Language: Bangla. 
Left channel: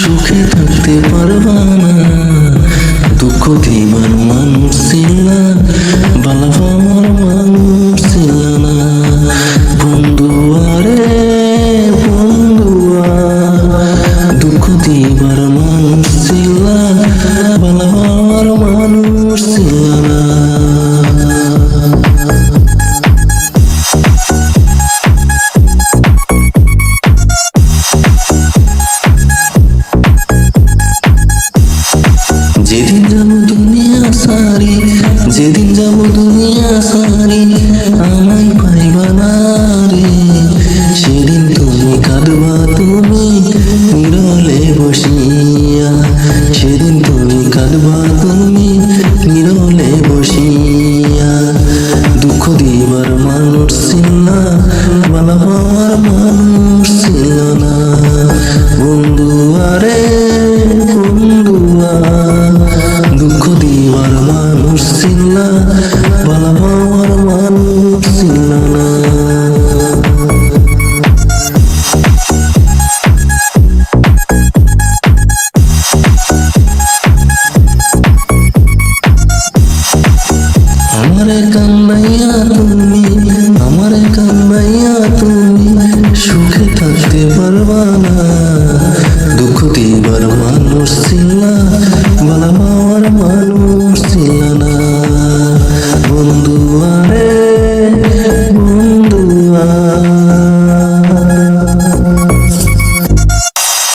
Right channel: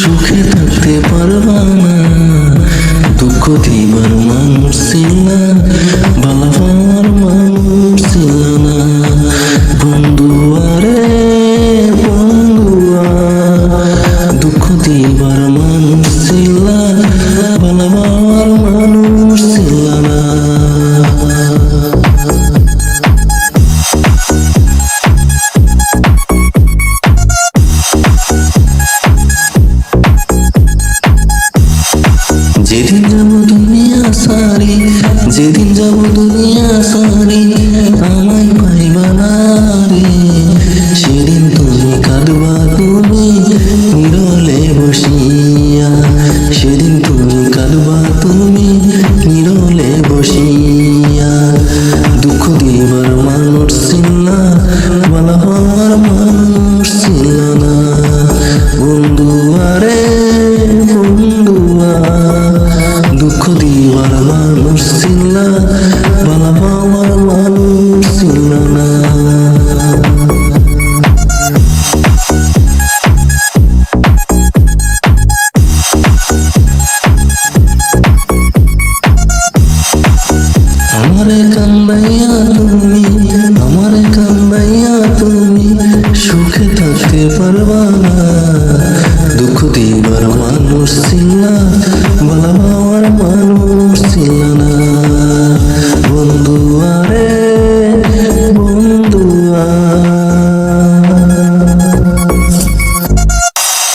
সুখে থাকতে পারবা না। দুনিয়া সারি যেদিন যাব দুনিয়া সারি কামাইয়া তুমি আমার কামাইয়া তুমি সুখে থাকতে পারবা না দুঃখ দিবার মানুষ মানুষ